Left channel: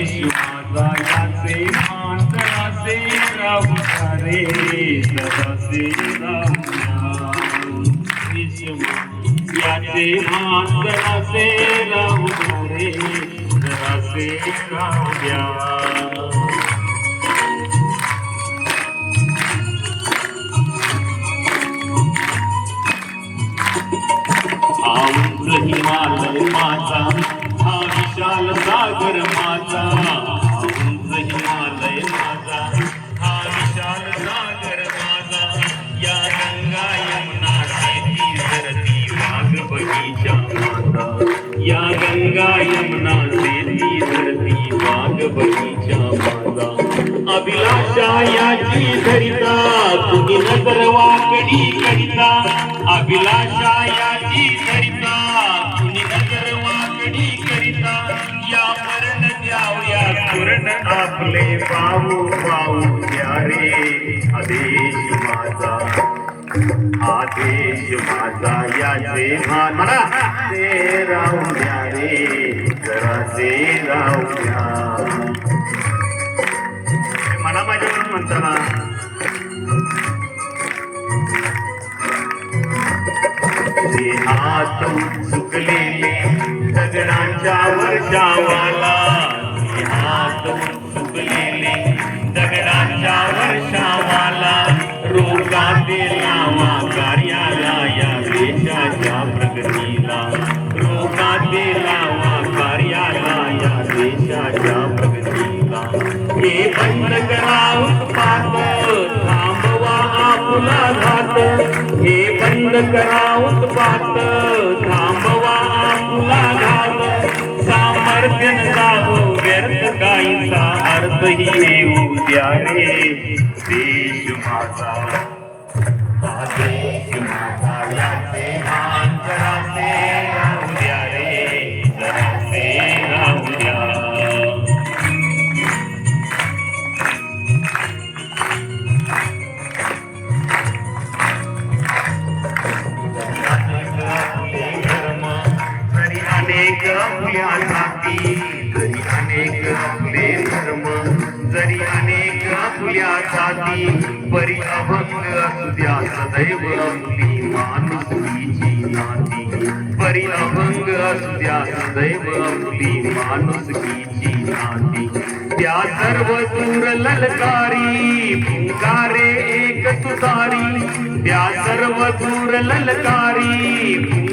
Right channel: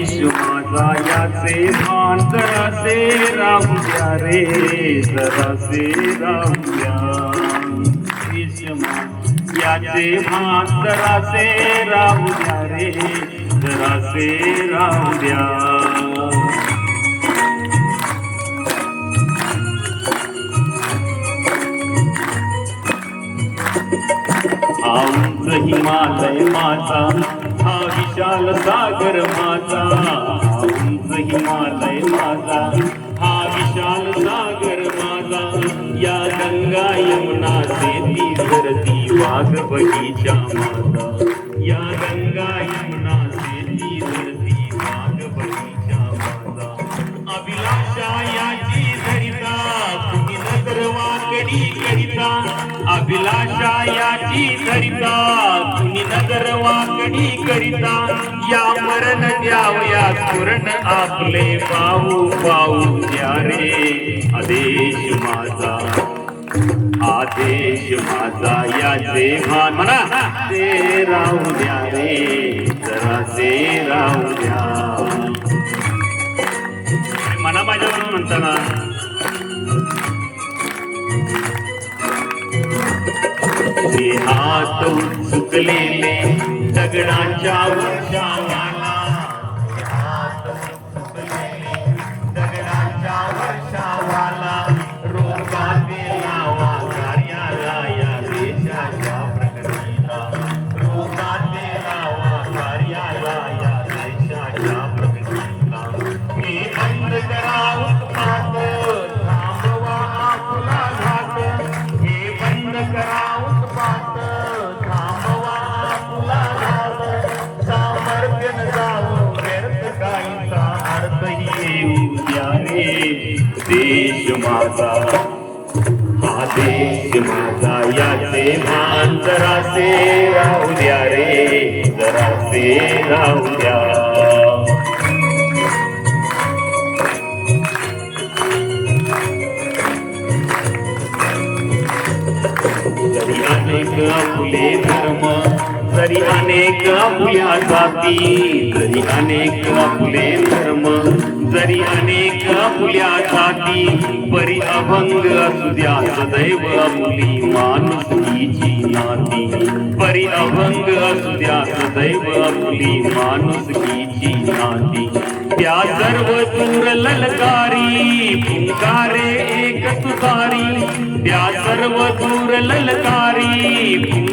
माझा याचे भान जरासे राहू द्या रे, जरासे राहू द्या. याचे भान जरासे राहू द्या रे, जरासे राहू द्या. उंच हिमालय माझा, हा विशाल सागर माझा. उंच हिमालय माझा, हा विशाल सागर माझा. या गंगा यमुना सेती सरती वाघ बगीचा माझा. या गंगा यमुना सेती सरती वाघ बगीचा माझा. अभिलाषा याची धरिता, तुम्ही नजर वाकडी करिता. अभिलाषा याची धरिता, तुम्ही नजर वाकडी करिता. या मरण द्यावया स्फुरण आपले पाहू पाहू द्या रे. आदेश माझा, आदेश माझा याचे भान म्हणा ते राहू द्या रे, जरासे राहू द्या. म्हणा माझ्यावरून म्हणताना हात उचललेले दगडांच्या वर्षावाला. हात उचललेले दगडांच्या वर्षावाला. रोगाचे लावा कार्याला या देशाच्या प्रगतीला. रोगाचे लावा कार्याला या देशाच्या प्रगतीला. हे बंद करा उत्पात, थांबवा आपला घात. हे बंद करा उत्पात, थांबवा आपला घात. सामर्थ्य जाऊ व्यर्थ काहीचा अर्थही येऊ द्या रे. देश माझा, हा देश माझा याचे भान जरासे राहू द्या रे, जरासे राहू द्या. आपले धर्म जरी अनेक आपल्या जाती. जरी अनेक आपले धर्म जरी अनेक आपल्या जाती. परी अभंग असू द्या सदैव आपली माणुसकीची नाती. परी अभंग असू द्या सदैव आपली माणुसकीची नाती. त्या सर्व दूर ललकारी पुकारे एक तुतारी. त्या सर्व दूर ललकारी